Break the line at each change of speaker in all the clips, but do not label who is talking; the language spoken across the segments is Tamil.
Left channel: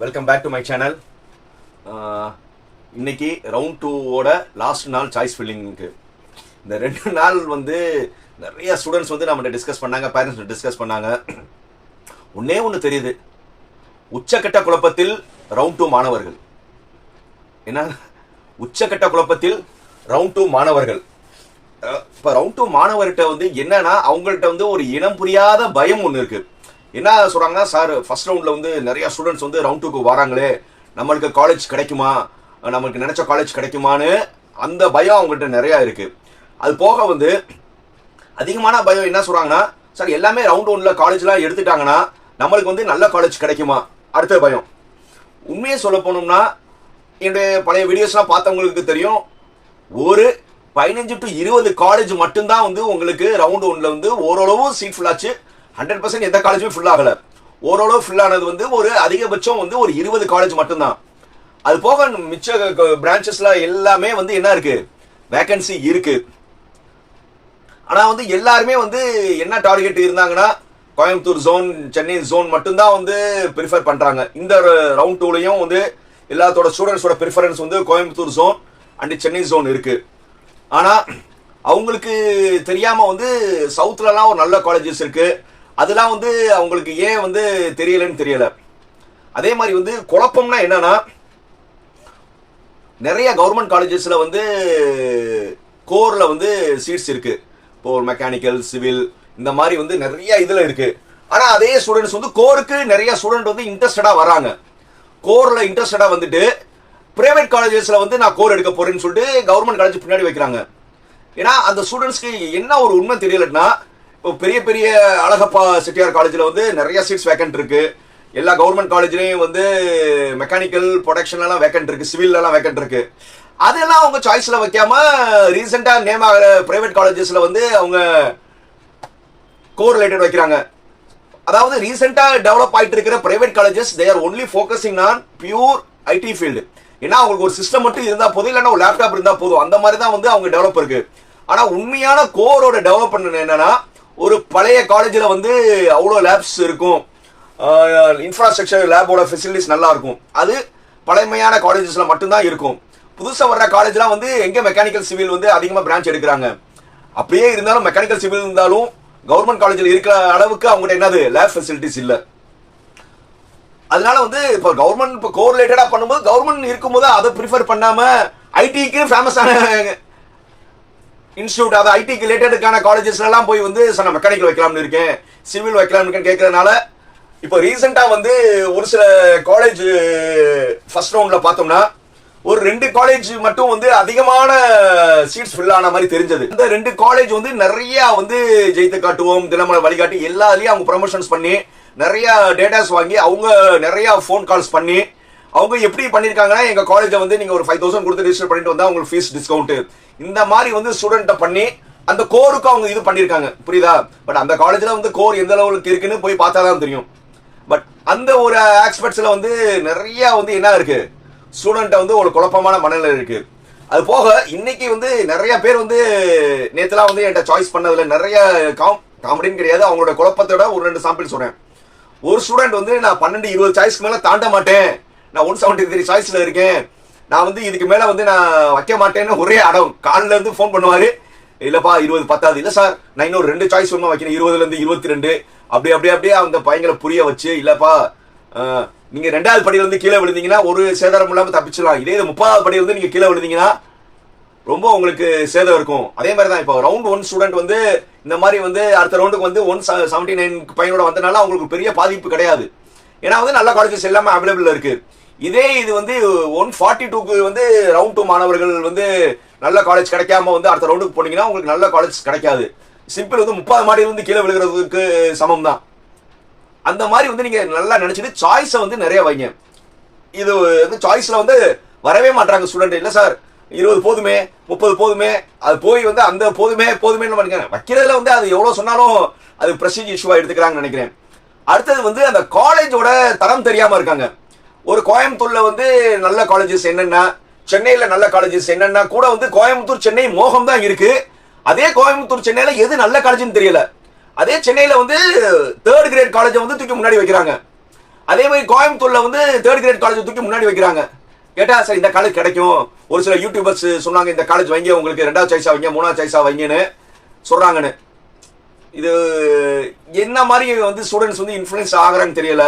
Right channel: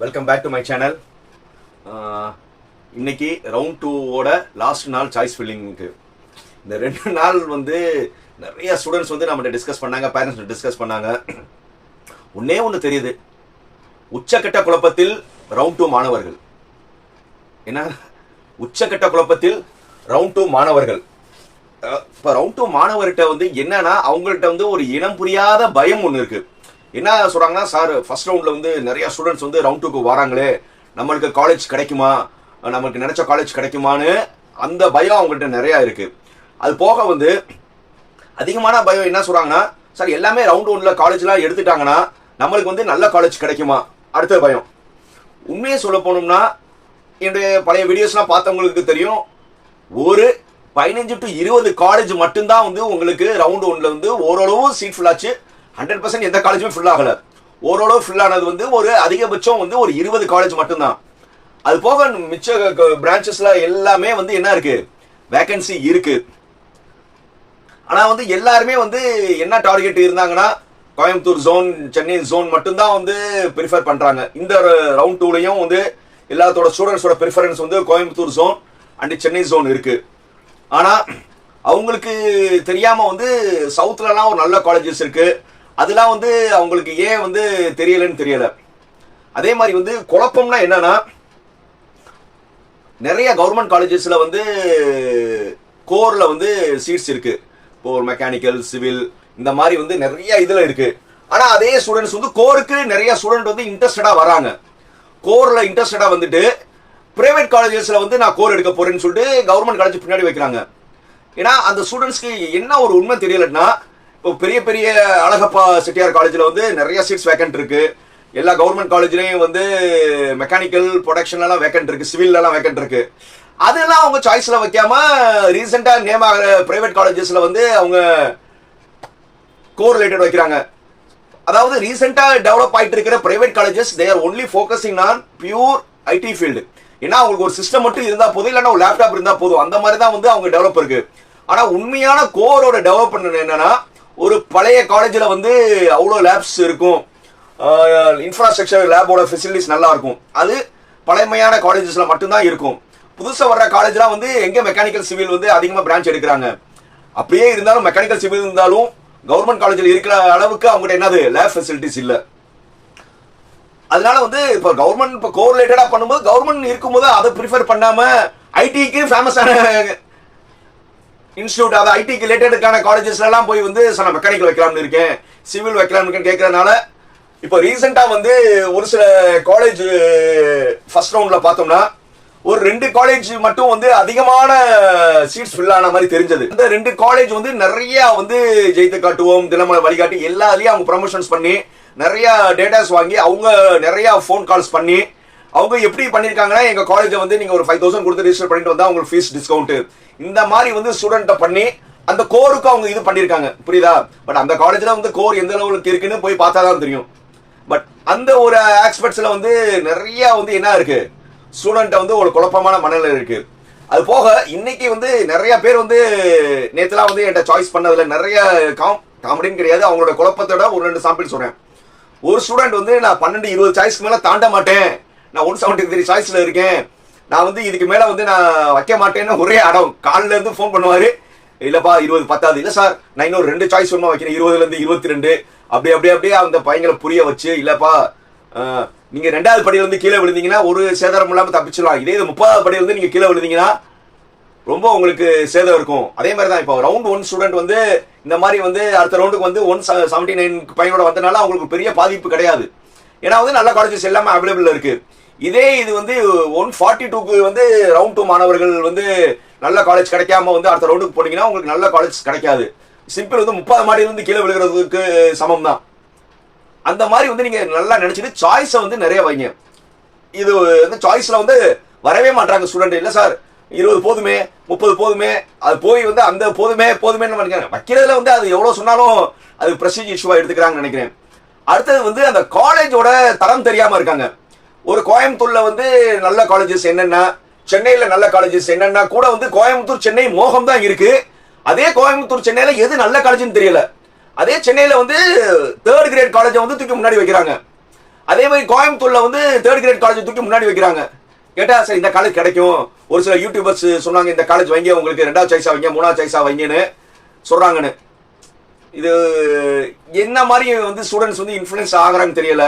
Welcome back to my channel இன்னைக்கு ரவுண்ட் டூவோட லாஸ்ட் நாள் சாய்ஸ் ஃபில்லிங்க்கு இந்த ரெண்டு நாள் வந்து நிறைய ஸ்டூடெண்ட்ஸ் வந்து நம்மகிட்ட டிஸ்கஸ் பண்ணாங்க பேரண்ட்ஸ் டிஸ்கஸ் பண்ணாங்க. ஒன்னே ஒன்று தெரியுது. உச்சக்கட்ட குழப்பத்தில் ரவுண்ட் டூ மாணவர்கள். என்ன? உச்சக்கட்ட குழப்பத்தில் ரவுண்ட் டூ மாணவர்கள். இப்போ ரவுண்ட் டூ மாணவர்கிட்ட வந்து என்னன்னா அவங்கள்ட்ட வந்து ஒரு இனம் புரியாத பயம் ஒன்று இருக்குது என்ன சொல்றாங்கன்னா சார் ஃபர்ஸ்ட் ரவுண்ட்ல வந்து நிறைய ஸ்டூடெண்ட்ஸ் வந்து ரவுண்ட் டூக்கு வராங்களே. நம்மளுக்கு காலேஜ் கிடைக்குமா? நம்மளுக்கு நினைச்ச காலேஜ் கிடைக்குமான்னு அந்த பயம் அவங்கள்ட்ட நிறைய இருக்கு. அது போக வந்து அதிகமான பயம் என்ன சொல்றாங்கன்னா சார் எல்லாமே ரவுண்ட் ஒன்ல காலேஜ்லாம் எடுத்துட்டாங்கன்னா நம்மளுக்கு வந்து நல்ல காலேஜ் கிடைக்குமா? அடுத்த பயம். உண்மையை சொல்ல போனோம்னா என்னுடைய பழைய வீடியோஸ்லாம் பார்த்தவங்களுக்கு தெரியும். ஒரு பதினஞ்சு டு இருபது காலேஜ் மட்டும்தான் வந்து உங்களுக்கு ரவுண்ட் ஒன்ல வந்து ஓரளவு சீட் ஃபுல்லாச்சு ஹண்ட்ரட் பர்சன்ட் எந்த காலேஜுமே ஃபுல் ஆகல. ஓரளவு ஃபுல் ஆனது வந்து ஒரு அதிகபட்சம் வந்து ஒரு இருபது காலேஜ் மட்டும்தான். அது போக மிச்ச பிரான்ச்சஸ்ல எல்லாமே வந்து என்ன இருக்கு? வேகன்சி இருக்கு. ஆனா வந்து எல்லாருமே வந்து என்ன டார்கெட் இருந்தாங்கன்னா கோயம்புத்தூர் ஜோன் சென்னை ஜோன் மட்டும்தான் வந்து ப்ரிஃபர் பண்றாங்க. இந்த ரவுண்ட் டூலையும் வந்து எல்லாத்தோட ஸ்டூடெண்ட்ஸோட ப்ரிஃபரன்ஸ் வந்து Coimbatore zone and Chennai zone இருக்கு. ஆனா அவங்களுக்கு தெரியாம வந்து சவுத்லலாம் ஒரு நல்ல காலேஜஸ் இருக்கு. அதெல்லாம் வந்து அவங்களுக்கு ஏன் வந்து தெரியலன்னு தெரியல. அதே மாதிரி வந்து குழப்பம்னா என்னன்னா நிறைய கவர்மெண்ட் காலேஜஸ்ல வந்து கோர்ல வந்து சீட்ஸ் இருக்கு. இப்போ ஒரு மெக்கானிக்கல் சிவில் இந்த மாதிரி வந்து நிறைய இதுல இருக்கு. ஆனா அதே ஸ்டூடெண்ட்ஸ் வந்து கோருக்கு நிறைய ஸ்டூடெண்ட் வந்து இன்ட்ரெஸ்டடா வராங்க. கோர்ல இன்ட்ரெஸ்டடா வந்துட்டு பிரைவேட் காலேஜஸ்ல வந்து நான் கோர் எடுக்க போறேன்னு சொல்லிட்டு கவர்மெண்ட் காலேஜ் பின்னாடி வைக்கிறாங்க. ஏன்னா அந்த ஸ்டூடெண்ட்ஸ்க்கு என்ன ஒரு உண்மை தெரியலன்னா பெரிய பெரிய அழகப்பா செட்டியார் காலேஜில் வந்து நிறைய சீட்ஸ் வேக்கன்ட் இருக்கு. எல்லா கவர்மெண்ட் காலேஜ்லேயும் வந்து மெக்கானிக்கல் ப்ரொடக்ஷன்லாம் வேக்கன்ட் இருக்கு. சிவில்லாம் வேக்கன்ட் இருக்கு. அதெல்லாம் அவங்க சாய்ஸ்ல வைக்காம ரீசெண்டா நேம் ஆகிற பிரைவேட் காலேஜஸ்ல வந்து அவங்க கோரிலேட்டட் வைக்கிறாங்க. அதாவது ரீசெண்டா டெவலப் ஆயிட்டு இருக்கிற private colleges they are only focusing on pure IT field ஏன்னா அவங்களுக்கு ஒரு சிஸ்டம் மட்டும் இருந்தா போதும் இல்லைன்னா ஒரு லேப்டாப் இருந்தா போதும். அந்த மாதிரி தான் வந்து அவங்க டெவலப் இருக்கு. ஆனா உண்மையான கோரோட டெவலப்மெண்ட் என்னன்னா ஒரு பழைய காலேஜில் வந்து அவ்வளோ லேப்ஸ் இருக்கும். இன்ஃப்ராஸ்ட்ரக்சர் லேபோட ஃபெசிலிட்டிஸ் நல்லா இருக்கும். அது பழமையான காலேஜஸில் மட்டும்தான் இருக்கும். புதுசாக வர்ற காலேஜ்லாம் வந்து எங்கே மெக்கானிக்கல் சிவில் வந்து அதிகமாக பிரான்ச் எடுக்கிறாங்க. அப்படியே இருந்தாலும் மெக்கானிக்கல் சிவில் இருந்தாலும் கவர்மெண்ட் காலேஜில் இருக்கிற அளவுக்கு அவங்ககிட்ட என்னது? லேப் ஃபெசிலிட்டிஸ் இல்லை. அதனால வந்து இப்போ கவர்மெண்ட் இப்போ கோரிலேட்டடா பண்ணும்போது கவர்மெண்ட் இருக்கும்போது அதை ப்ரிஃபர் பண்ணாமல் ஐடிக்கு ஃபேமஸான இன்ஸ்டியூட் அது ஐடிக்கு ரிலேட்டடுக்கான காலேஜஸ்ல எல்லாம் போய் வந்து சார் நான் மெக்கானிக்கல் வைக்கலாம்னு இருக்கேன். சிவில் வைக்கலாம்னு கேட்கறதுனால இப்போ ரீசெண்டா வந்து ஒரு சில காலேஜ் ஃபர்ஸ்ட் ரவுண்ட்ல பார்த்தோம்னா ஒரு ரெண்டு காலேஜ் மட்டும் வந்து அதிகமான சீட்ஸ் ஃபில் ஆன மாதிரி தெரிஞ்சது. இந்த ரெண்டு காலேஜ் வந்து நிறைய வந்து ஜெயித்து காட்டுவோம் தினமலை வழிகாட்டி எல்லாத்துலயும் அவங்க ப்ரமோஷன்ஸ் பண்ணி நிறைய டேட்டாஸ் வாங்கி அவங்க நிறைய ஃபோன் கால்ஸ் பண்ணி அவங்க எப்படி பண்ணிருக்காங்கன்னா எங்க காலேஜை வந்து நீங்க ஒரு ஃபைவ் தௌசண்ட் கொடுத்து ரிஜிஸ்டர் பண்ணிட்டு வந்தா உங்களுக்கு ஃபீஸ் டிஸ்கவுண்ட் இந்த மாதிரி வந்து ஸ்டூடெண்ட்டை பண்ணி அந்த கோருக்கு அவங்க இது பண்ணிருக்காங்க. புரியுதா? பட் அந்த காலேஜில் வந்து கோர் எந்த அளவுக்கு இருக்குன்னு போய் பார்த்தா தான் தெரியும். பட் அந்த ஒரு ஆக்ஸ்பெர்ட்ஸில் வந்து நிறைய வந்து என்ன இருக்கு? ஸ்டூடெண்ட்டை வந்து ஒரு குழப்பமான மனநிலை இருக்கு. அது போக இன்னைக்கு வந்து நிறைய பேர் வந்து நேற்றுலாம் வந்து என்கிட்ட சாய்ஸ் பண்ணதில் நிறைய காம் காமெடின்னு கிடையாது. அவங்களோட குழப்பத்தோட ஒரு ரெண்டு சாம்பிள் சொல்கிறேன் ஒரு ஸ்டூடெண்ட் வந்து நான் பன்னெண்டு இருபது சாய்ஸ்க்கு மேலே தாண்ட மாட்டேன். நான் ஒன் செவன்ட்டி த்ரீ சாய்ஸில் இருக்கேன். நான் வந்து இதுக்கு மேல வந்து நான் வைக்க மாட்டேன்னு ஒரே அடம். காலில இருந்து ஃபோன் பண்ணுவாரு. இல்லப்பா இருபது பத்தாவது இல்ல சார் நான் இன்னொரு ரெண்டு சாய்ஸ் ஒன்றும் வைக்கிறேன். இருபதுல இருந்து இருபத்தி ரெண்டு அப்படி அப்படியே அப்படியே அந்த பையங்களை புரிய வச்சு இல்லப்பா நீங்கள் நீங்க ரெண்டாவது படியில வந்து கீழே விழுந்தீங்கன்னா ஒரு சேதாரம் இல்லாம தப்பிச்சிடலாம். இதே இது முப்பதாவது படியில வந்து நீங்க கீழே விழுந்தீங்கன்னா ரொம்ப உங்களுக்கு சேதம் இருக்கும். அதே மாதிரி தான் இப்போ ரவுண்ட் ஒன் ஸ்டூடெண்ட் வந்து இந்த மாதிரி வந்து அடுத்த ரவுண்டுக்கு வந்து ஒன் செவன்டி நைன் பையனோட வந்தனால அவங்களுக்கு பெரிய பாதிப்பு கிடையாது. ஏன்னா வந்து நல்ல காலேஜஸ் எல்லாமே அவைலபிள் இருக்கு. இதே இது வந்து ஒன் ஃபார்ட்டி டூக்கு வந்து ரவுண்ட் டூ மாணவர்கள் வந்து நல்ல காலேஜ் கிடைக்காம வந்து அடுத்த ரவுண்டுக்கு போனீங்கன்னா உங்களுக்கு நல்ல காலேஜ் கிடைக்காது. சிம்பிள் வந்து முப்பது மாடியிலிருந்து கீழே விழுகிறதுக்கு சமம் தான். அந்த மாதிரி வந்து நீங்க நல்லா நினைச்சிட்டு சாய்ஸை வந்து நிறைய வைங்க. இது வந்து சாய்ஸ்ல வந்து வரவே மாட்டாங்க ஸ்டூடெண்ட் இல்லை சார் இருபது போதுமே முப்பது போதுமே அது போய் வந்து அந்த போதுமே போதுமேன்னு நினைக்கிறேன் வைக்கிறதுல வந்து அது எவ்வளவு சொன்னாலும் அது பிரஸ்டீஜ் இஷ்யூவா எடுத்துக்கிறாங்கன்னு நினைக்கிறேன். அடுத்தது வந்து அந்த காலேஜோட தரம் தெரியாம இருக்காங்க. ஒரு கோயம்புத்தூர்ல வந்து நல்ல காலேஜஸ் என்னென்னா சென்னையில நல்ல காலேஜஸ் என்னென்னா கூட வந்து கோயம்புத்தூர் சென்னை மோகம் தான் இருக்கு. அதே கோயம்புத்தூர் சென்னையில எது நல்ல காலேஜ்னு தெரியல. அதே சென்னையில வந்து தேர்ட் கிரேட் காலேஜை வந்து தூக்கி முன்னாடி வைக்கிறாங்க. அதே மாதிரி கோயம்புத்தூர்ல வந்து தேர்ட் கிரேட் காலேஜ் தூக்கி முன்னாடி வைக்கிறாங்க. கேட்டா சார் இந்த காலேஜ் கிடைக்கும். ஒரு சில யூடியூபர்ஸ் சொன்னாங்க இந்த காலேஜ் வைங்க உங்களுக்கு ரெண்டாவது சாய்ஸா வைங்க மூணாவது சாய்ஸா வைங்கன்னு சொல்றாங்கன்னு. இது என்ன மாதிரி வந்து ஸ்டூடெண்ட்ஸ் வந்து இன்ஃபுளுன்ஸ் ஆகுறாங்க தெரியல.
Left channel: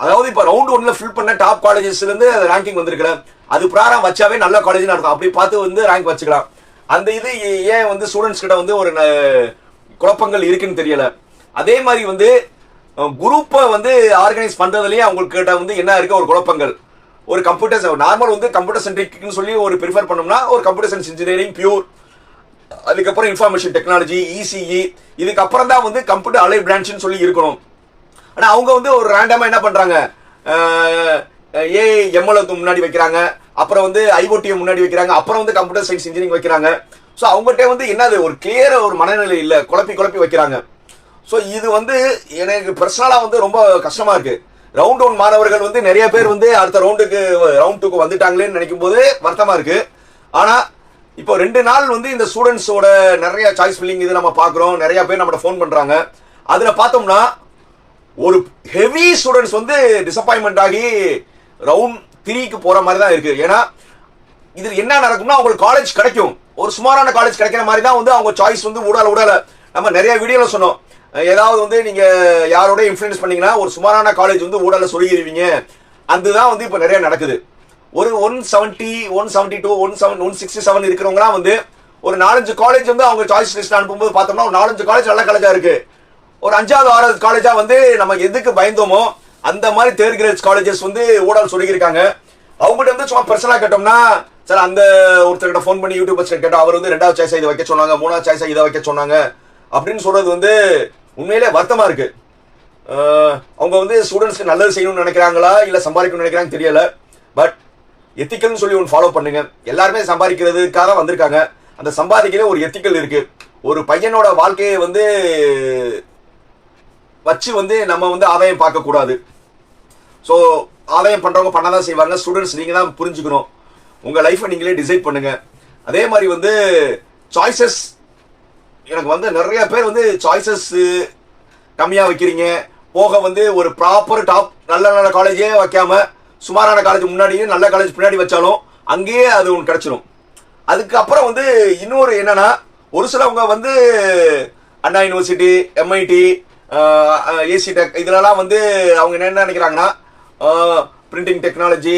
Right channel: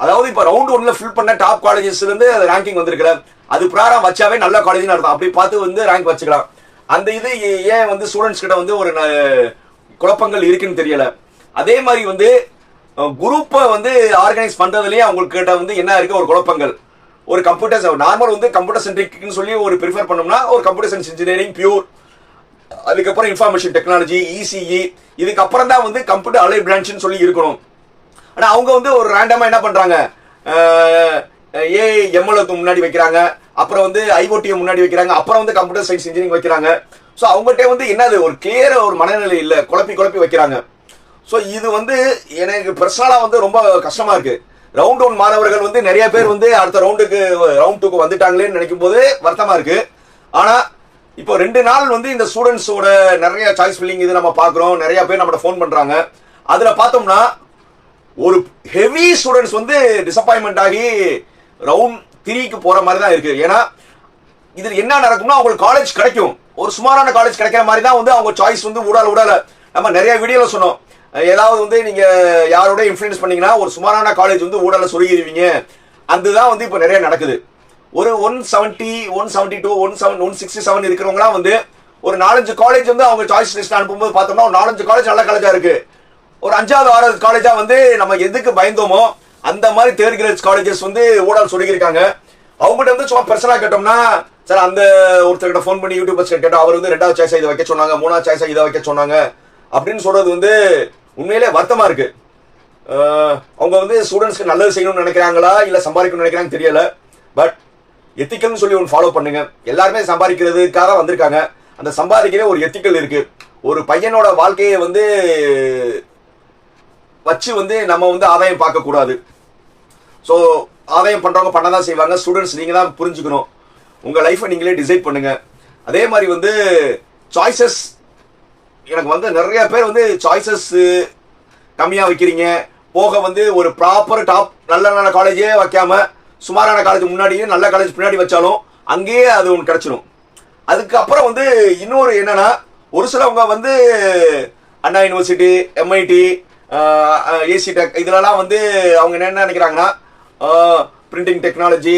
அதாவது இப்ப ரவுண்ட் ஒன்ல ஃபில் பண்ண டாப் காலேஜஸ்ல இருந்து ரேங்கிங் வந்திருக்கிறேன் அது பிராரம் வச்சாவே நல்ல காலேஜ் நடத்தும் அப்படி பார்த்து வந்து ரேங்க் வச்சுக்கலாம். அந்த இது ஏன் வந்து ஸ்டூடெண்ட்ஸ் கிட்ட வந்து ஒரு ந- குழப்பங்கள் இருக்குன்னு தெரியல. அதே மாதிரி வந்து குரூப்பை வந்து ஆர்கனைஸ் பண்றதுலயே அவங்களுக்கு கிட்ட வந்து என்ன இருக்கு? ஒரு குழப்பங்கள். ஒரு கம்ப்யூட்டர் நார்மல் வந்து கம்ப்யூட்டர் சென்ட்ரிக்னு சொல்லி ஒரு ப்ரிஃபர் பண்ணோம்னா ஒரு கம்ப்யூட்டர் சயின்ஸ் இன்ஜினியரிங் பியூர் அதுக்கப்புறம் இன்ஃபர்மேஷன் டெக்னாலஜி இசிஇ இதுக்கப்புறம் தான் வந்து கம்ப்யூட்டர் அலை பிரான்ச்னு சொல்லி இருக்கணும். ஆனா அவங்க வந்து ஒரு ரேண்டமா என்ன பண்றாங்க? ஏ எம்எல்ஏக்கு முன்னாடி வைக்கிறாங்க. அப்புறம் வந்து ஐஓடி முன்னாடி வைக்கிறாங்க. அப்புறம் வந்து கம்ப்யூட்டர் சயின்ஸ் இன்ஜினியரிங் வைக்கிறாங்க. ஸோ அவங்ககிட்ட வந்து என்னது? ஒரு கிளியர் ஒரு மனநிலை இல்ல. குழப்பி குழப்பி வைக்கிறாங்க. ஸோ இது வந்து எனக்கு பர்சனலா வந்து ரொம்ப கஷ்டமா இருக்கு. ரவுண்ட் ஒன் மாணவர்கள் வந்து நிறைய பேர் வந்து அடுத்த ரவுண்டுக்கு ரவுண்ட் டூக்கு வந்துட்டாங்களேன்னு நினைக்கும் போது வருத்தமா இருக்கு. ஆனா இப்போ ரெண்டு நாள் வந்து இந்த ஸ்டூடெண்ட்ஸோட நிறைய சாய்ஸ் ஃபில்லிங் இது நம்ம பாக்குறோம் நிறைய பேர் நம்மகிட்ட ஃபோன் பண்றாங்க. அதுல பார்த்தோம்னா ஒரு ஹெவி ஸ்டூடெண்ட்ஸ் வந்து டிசப்பாயின்மெண்ட் ஆகி ரவுண்ட் த்ரீக்கு போற மாதிரி தான் இருக்கு. ஏன்னா இதுல என்ன நடக்கும்னா அவங்களுக்கு காலேஜ் கிடைக்கும். ஒரு சுமாரான காலேஜ் கிடைக்கிற மாதிரி தான் வந்து அவங்க சாய்ஸ் வந்து ஊடால ஊடால நம்ம நிறைய வீடியோல சொன்னோம். ஏதாவது வந்து நீங்க யாரோட இன்ஃபுளுன்ஸ் பண்ணீங்கன்னா ஒரு சுமாரான காலேஜ் வந்து ஊடால சொருகிடுவீங்க. அதுதான் வந்து இப்ப நிறைய நடக்குது. ஒரு one seventy one seventy two one seven one sixty seven இருக்கிறவங்களாம் வந்து ஒரு நாலஞ்சு காலேஜ் வந்து அவங்க சாய்ஸ் லிஸ்ட் அனுப்பும்போது பார்த்தோம்னா ஒரு நாலஞ்சு காலேஜ் நல்ல காலேஜா இருக்கு. ஒரு அஞ்சாவது ஆறாவது காலேஜா வந்து நம்ம எதுக்கு பயந்தோமோ அந்த மாதிரி தேர்ட் கிரேட் காலேஜஸ் வந்து ஊடகம் சொல்லியிருக்காங்க. அவங்ககிட்ட வந்து சும்மா பிரச்சனை கேட்டோம்னா சார் அந்த ஒருத்தர்கிட்ட ஃபோன் பண்ணி யூடியூபர்ஸ் கேட்டோம் அவர் வந்து ரெண்டாவது சாய்ஸா இதை வைக்க சொன்னாங்க மூணாவது சாய்ஸா இதை வைக்க சொன்னாங்க அப்படின்னு சொல்றது வந்து உண்மையிலே வருத்தமா இருக்கு. அவங்க வந்து ஸ்டூடெண்ட்ஸ்க்கு நல்லது செய்யணும்னு நினைக்கிறாங்களா இல்ல சம்பாதிக்கணும்னு நினைக்கிறாங்க தெரியல. பட் எத்திக்கல்னு சொல்லி ஒன்று ஃபாலோ பண்ணுங்க. எல்லாருமே சம்பாதிக்கிறதுக்காக வந்திருக்காங்க. அந்த சம்பாதிக்கவே ஒரு எத்திக்கல் இருக்கு. ஒரு பையனோட வாழ்க்கையை வந்து வச்சு வந்து நம்ம வந்து ஆதாயம் பார்க்கக்கூடாது. ஸோ ஆதாயம் பண்றவங்க பண்ணதான் செய்வாங்க. ஸ்டூடெண்ட்ஸ் நீங்கள் தான் புரிஞ்சுக்கணும். உங்கள் லைஃப்பை நீங்களே டிசைட் பண்ணுங்க. அதே மாதிரி வந்து சாய்ஸஸ் எனக்கு வந்து நிறைய பேர் வந்து சாய்ஸஸ் கம்மியாக வைக்கிறீங்க. போக வந்து ஒரு ப்ராப்பர் டாப் நல்ல நல்ல காலேஜே வைக்காம சுமாரான காலேஜ் முன்னாடியும் நல்ல காலேஜ் பின்னாடி வச்சாலும் அங்கேயே அது ஒன்று கிடைச்சிடும் அதுக்கப்புறம் வந்து இன்னொரு என்னன்னா ஒரு சிலவங்க வந்து Anna university MIT AC tech இதுலலாம் வந்து அவங்க என்ன நினைக்கிறாங்கன்னா printing technology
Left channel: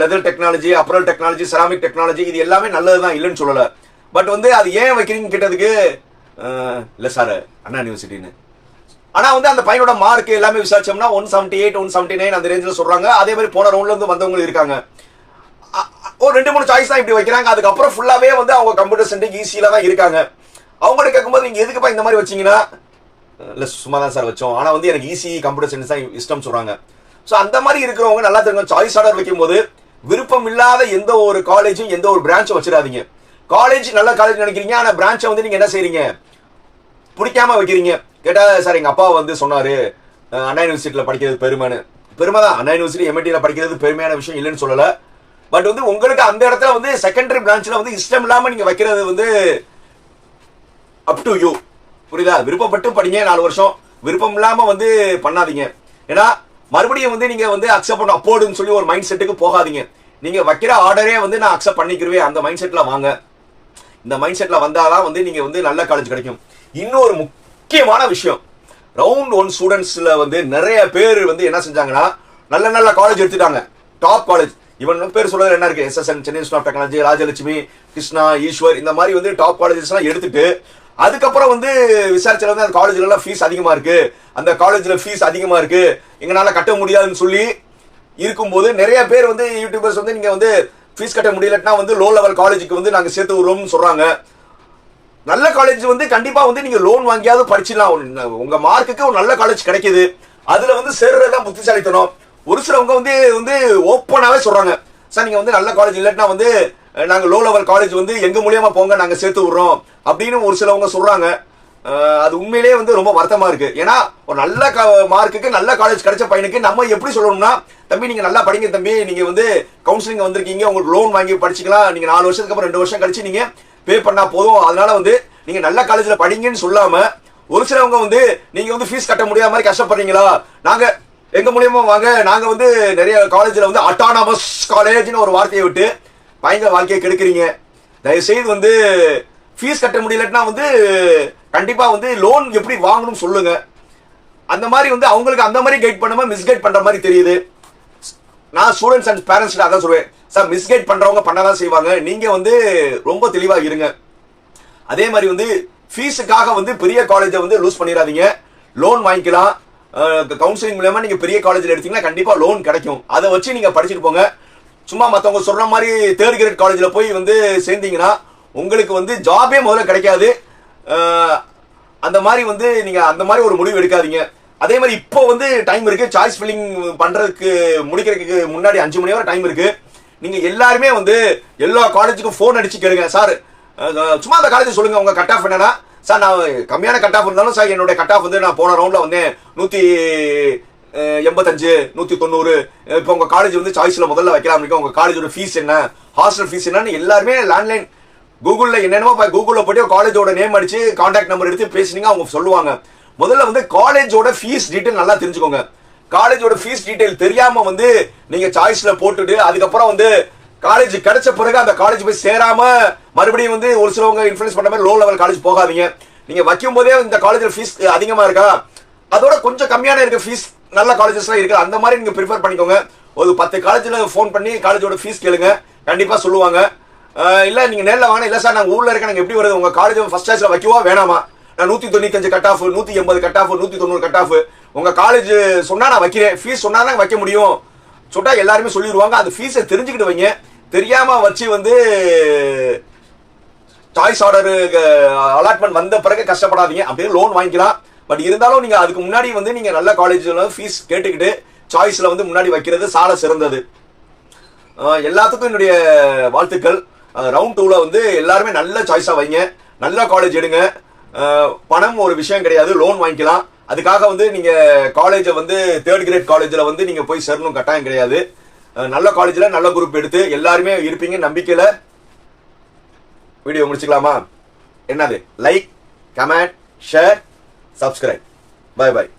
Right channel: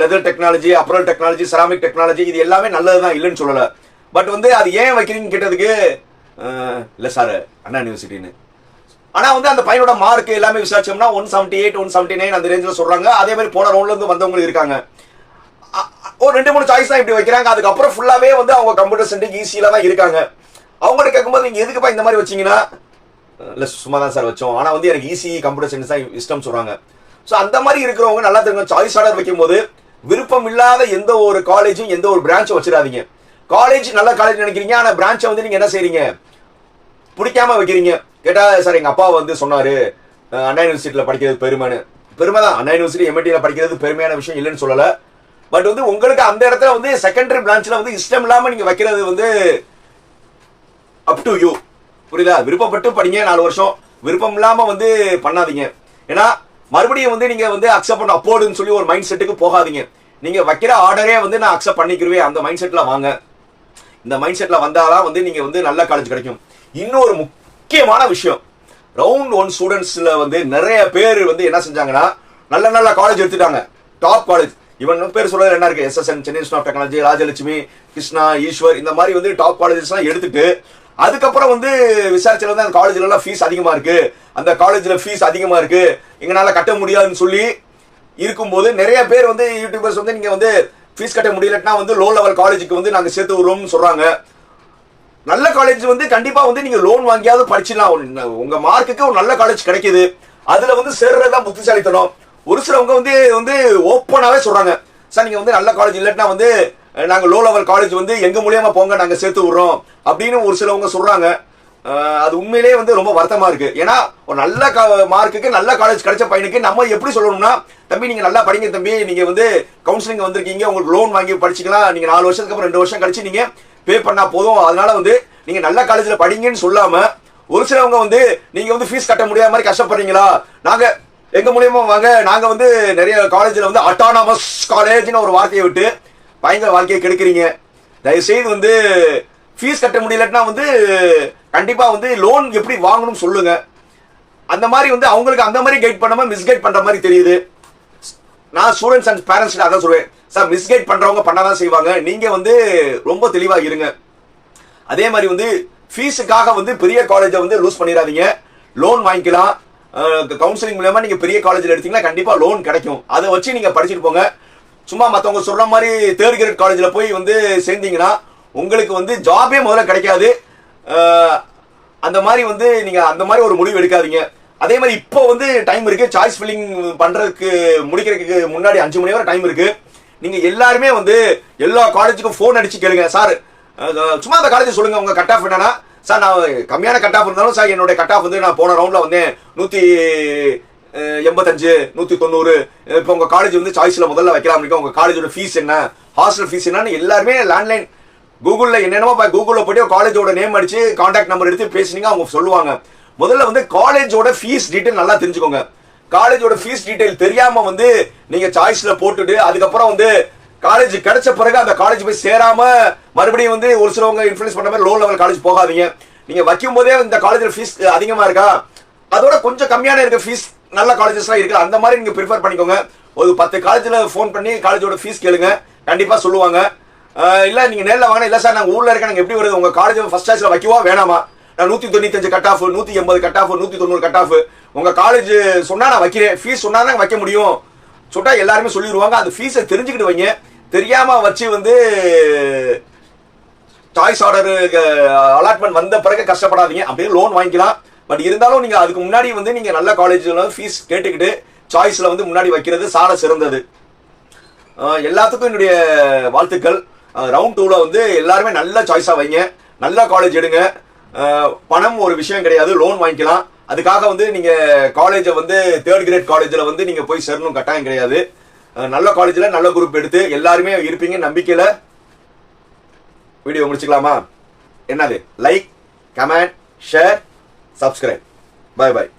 leather technology apparel technology ceramic technology இது எல்லாமே நல்லது தான் இல்லைன்னு சொல்லலை. பட் வந்து அது ஏன் வைக்கிறீங்க கேட்டதுக்கு இல்லை சார் அண்ணா யூனிவர்சிட்டின்னு ஆனா வந்து அந்த பையனோட மார்க் எல்லாமே விசாரிச்சோம்னா one seventy eight one seventy nine அந்த ரேஞ்சில் சொல்றாங்க. அதே மாதிரி போன ரவுண்ட்ல இருந்து வந்தவங்க இருக்காங்க. ஒரு ரெண்டு மூணு சாய்ஸ் தான் இப்படி வைக்கிறாங்க. அதுக்கப்புறம் ஃபுல்லாவே வந்து அவங்க கம்ப்யூட்டர் சென்டர் ஈஸியில தான் இருக்காங்க. அவங்கள்ட்ட கேட்கும்போது நீங்க எதுக்குப்பா இந்த மாதிரி வச்சீங்கன்னா இல்லை சும்மா தான் சார் வச்சோம். ஆனால் வந்து எனக்கு ஈஸி கம்ப்யூட்டர் சயின்ஸ் தான் இஷ்டம் சொல்கிறாங்க ஸோ அந்த மாதிரி இருக்கிறவங்க நல்லா தெரியும் சாய்ஸ் ஆர்டர் வைக்கும்போது விருப்பம் இல்லாத எந்த ஒரு காலேஜும் எந்த ஒரு பிரான்ச்சும் வச்சிடாதீங்க. காலேஜ் நல்ல காலேஜ் நினைக்கிறீங்க ஆனால் பிரான்ச்சை வந்து நீங்கள் என்ன செய்றீங்க? பிடிக்காம வைக்கிறீங்க. கேட்டால் சார் எங்கள் அப்பா வந்து சொன்னார் அண்ணா யூனிவர்சிட்டியில் படிக்கிறது பெருமைன்னு. பெருமை தான். அண்ணா யூனிவர்சிட்டி எம்ஐடியில் படிக்கிறது பெருமையான விஷயம் இல்லைன்னு சொல்லலை. பட் வந்து உங்களுக்கு அந்த இடத்துல வந்து செகண்டரி பிரான்ச்சில் வந்து இஷ்டம் இல்லாமல் நீங்கள் வைக்கிறது வந்து அப் டு யூ புரியுதா? விருப்பப்பட்டு படிங்க நாலு வருஷம். விருப்பம் இல்லாம வந்து பண்ணாதீங்க. ஏன்னா மறுபடியும் வந்து நீங்க வந்து அக்செப்ட் பண்ண அப்போடுன்னு சொல்லி ஒரு மைண்ட் செட்டுக்கு போகாதீங்க. நீங்க வைக்கிற ஆர்டரே வந்து நான் அக்செப்ட் பண்ணிக்கிறவே அந்த மைண்ட் செட்ல வாங்க. இந்த மைண்ட் செட்ல வந்தாதான் வந்து நீங்க வந்து நல்ல காலேஜ் கிடைக்கும். இன்னொரு முக்கியமான விஷயம். ரவுண்ட் ஒன் ஸ்டூடெண்ட்ஸ்ல வந்து நிறைய பேர் வந்து என்ன செஞ்சாங்கன்னா நல்ல நல்ல காலேஜ் எடுத்துட்டாங்க. டாப் காலேஜ் இவன் பேர் சொல்றது என்ன இருக்கு? SSN Chennai institute of technology Rajalakshmi Krishna Eswar இந்த மாதிரி வந்து டாப் காலேஜஸ்லாம் எடுத்துட்டு அதுக்கப்புறம் வந்து விசாரிச்சல வந்து அந்த காலேஜ்ல எல்லாம் ஃபீஸ் அதிகமா இருக்கு. அந்த காலேஜ்ல ஃபீஸ் அதிகமா இருக்கு. எங்களால கட்ட முடியாதுன்னு சொல்லி இருக்கும்போது நிறைய பேர் வந்து யூடியூபர்ஸ் வந்து நீங்க வந்து ஃபீஸ் கட்ட முடியலன்னா வந்து லோ லெவல் காலேஜுக்கு வந்து நாங்க சேர்த்து விடுறோம்னு சொல்றாங்க. நல்ல காலேஜ் வந்து கண்டிப்பா வந்து நீங்க லோன் வாங்கியாவது படிச்சிடலாம் உங்க- மார்க்குக்கு ஒரு நல்ல காலேஜ் கிடைக்குது. அதுல வந்து சேர்றதுதான் புத்திசாலித்தனம். ஒரு சிலவங்க வந்து வந்து ஓப்பனாவே சொல்றாங்க. சார் நீங்க வந்து நல்ல காலேஜ் இல்லைன்னா வந்து நாங்கள் லோ லெவல் காலேஜ் வந்து எங்கள் மூலியமாக போங்க நாங்கள் சேர்த்து விடுறோம் அப்படின்னு ஒரு சிலவங்க சொல்கிறாங்க அது உண்மையிலேயே வந்து ரொம்ப வருத்தமாக இருக்குது ஏன்னா ஒரு நல்ல மார்க்குக்கு நல்ல காலேஜ் கிடைச்ச பையனுக்கு நம்ம எப்படி சொல்லணும்னா தம்பி நீங்கள் நல்லா படிங்க தம்பி. நீங்கள் வந்து கவுன்சிலிங் வந்திருக்கீங்க. உங்களுக்கு லோன் வாங்கி படிச்சிக்கலாம். நீங்கள் நாலு வருஷத்துக்கு அப்புறம் ரெண்டு வருஷம் கழிச்சு நீங்கள் பே பண்ணால் போதும். அதனால வந்து நீங்கள் நல்ல காலேஜில் படிங்கன்னு சொல்லாமல் ஒரு சிலவங்க வந்து நீங்கள் வந்து ஃபீஸ் கட்ட முடியாத மாதிரி கஷ்டப்படுறீங்களா? நாங்கள் எங்க மூலியமா வாங்க. நாங்க வந்து நிறைய காலேஜ்ல வந்து அட்டானமஸ் காலேஜ்னு ஒரு வார்த்தையை விட்டு பயங்கர வாழ்க்கையை கெடுக்கிறீங்க. தயவு செய்து வந்து ஃபீஸ் கட்ட முடியலன்னா வந்து கண்டிப்பாக வந்து லோன் எப்படி வாங்கணும் சொல்லுங்க. அந்த மாதிரி வந்து அவங்களுக்கு அந்த மாதிரி கைட் பண்ணாம மிஸ்கைட் பண்ற மாதிரி தெரியுது. நான் ஸ்டூடெண்ட்ஸ் அண்ட் பேரண்ட்ஸ் அதான் சொல்லுவேன். சார் மிஸ்கைட் பண்றவங்க பண்ணதான் செய்வாங்க. நீங்க வந்து ரொம்ப தெளிவாக இருங்க. அதே மாதிரி வந்து ஃபீஸுக்காக வந்து பெரிய காலேஜை வந்து லூஸ் பண்ணிடாதீங்க. லோன் வாங்கிக்கலாம். கவுன்சிலிங் மூலயமா நீங்க பெரிய காலேஜில் எடுத்தீங்கன்னா கண்டிப்பா லோன் கிடைக்கும். அதை வச்சு நீங்க படிச்சுட்டு போங்க. சும்மா மற்றவங்க சொல்ற மாதிரி தேர்ட் கிரேட் காலேஜில் போய் வந்து சேர்ந்தீங்கன்னா உங்களுக்கு வந்து ஜாபே முதல்ல கிடைக்காது. அந்த மாதிரி வந்து நீங்கள் அந்த மாதிரி ஒரு முடிவு எடுக்காதீங்க. அதே மாதிரி இப்போ வந்து டைம் இருக்கு. சாய்ஸ் ஃபில்லிங் பண்ணுறதுக்கு முடிக்கிறதுக்கு முன்னாடி அஞ்சு மணி வரை டைம் இருக்கு. நீங்கள் எல்லாருமே வந்து எல்லா காலேஜுக்கும் ஃபோன் அடிச்சு கேளுங்க. சார் சும்மா அந்த காலேஜ் சொல்லுங்க. உங்க கட் ஆஃப் என்னன்னா சார் நான் கம்மியான கட் ஆஃப் இருந்தாலும் சார் என்னுடைய கட் ஆஃப் வந்து நான் போன ரவுண்டில் வந்தேன். நூற்றி எண்பத்தஞ்சு நூத்தி தொண்ணூறு இப்போ உங்க காலேஜ் வந்து சாய்ஸ்ல முதல்ல வைக்கலாம் இருக்கோம் உங்க காலேஜோட ஃபீஸ் என்ன? ஹாஸ்டல் ஃபீஸ் என்னன்னு எல்லாருமே லேண்ட்லைன் கூகுளில் என்னென்னமோ கூகுளில் கூகுள்ல போயிட்டு காலேஜோட நேம் அடிச்சு கான்டாக்ட் நம்பர் எடுத்து பேசினீங்க அவங்க சொல்லுவாங்க. முதல்ல வந்து காலேஜோட ஃபீஸ் டீட்டெயில் நல்லா தெரிஞ்சுக்கோங்க. காலேஜோட ஃபீஸ் டீட்டெயில் தெரியாம வந்து நீங்க சாய்ஸ்ல போட்டுட்டு அதுக்கப்புறம் வந்து காலேஜ் கிடைச்ச பிறகு அந்த காலேஜ் போய் சேராம மறுபடியும் வந்து ஒரு சிலவங்க இன்ஃபுளுஸ் பண்ண மாதிரி லோ லெவல் காலேஜ் போகாதீங்க. நீங்க வைக்கும் போதே இந்த காலேஜ்ல ஃபீஸ் அதிகமா இருக்கா? அதோட கொஞ்சம் கம்மியான இருக்க ஃபீஸ் நல்ல காலேஜஸ்லாம் இருக்குது. அந்த மாதிரி நீங்கள் ப்ரிஃபர் பண்ணிக்கோங்க. ஒரு பத்து காலேஜில் ஃபோன் பண்ணி காலேஜோட ஃபீஸ் கேளுங்க. கண்டிப்பாக சொல்லுவாங்க. இல்லை நீங்கள் நேரில் நேர்ல வாங்க சார் நாங்கள் ஊரில் இருக்க நாங்கள் எப்படி வருது? உங்கள் காலேஜ் ஃபஸ்ட் கிளாஸ்ல வைக்கவா? வேணாமா? நான் நூற்றி தொண்ணூத்தஞ்சு கட் ஆஃப் நூற்றி எண்பது கட் ஆஃப் நூற்றி தொண்ணூறு கட் ஆஃப் உங்கள் காலேஜ் சொன்னால் நான் வைக்கிறேன். ஃபீஸ் சொன்னால் தான் வைக்க முடியும். சொல்லிட்டா எல்லாருமே சொல்லிடுவாங்க அந்த ஃபீஸை தெரிஞ்சுக்கிட்டு வைங்க. தெரியாமல் வச்சு வந்து சாய்ஸ் ஆர்டர் அலாட்மெண்ட் வந்த பிறகு கஷ்டப்படாதீங்க. அப்படியே லோன் வாங்கிக்கலாம். பட் இருந்தாலும் நீங்க அதுக்கு முன்னாடி வந்து நீங்க நல்ல காலேஜ்ல ஃபீஸ் கேட்டுக்கிட்டு சாய்ஸ்ல வந்து முன்னாடி வைக்கிறது சார சிறந்தது. எல்லாத்துக்கும் என்னுடைய வாழ்த்துக்கள். ரவுண்ட் டூல வந்து எல்லாருமே நல்ல சாய்ஸா வைங்க. நல்ல காலேஜ் எடுங்க. பணம் ஒரு விஷயம் கிடையாது லோன் வாங்கிக்கலாம். அதுக்காக வந்து நீங்க காலேஜை வந்து தேர்ட் கிரேட் காலேஜ்ல வந்து நீங்க போய் சேரணும் கட்டாயம் கிடையாது. நல்ல காலேஜ்ல நல்ல குரூப் எடுத்து எல்லாருமே இருப்பீங்க நம்பிக்கையில. வீடியோ முடிச்சுக்கலாமா? என்னது? Like comment share サブスクライブ。バイバイ。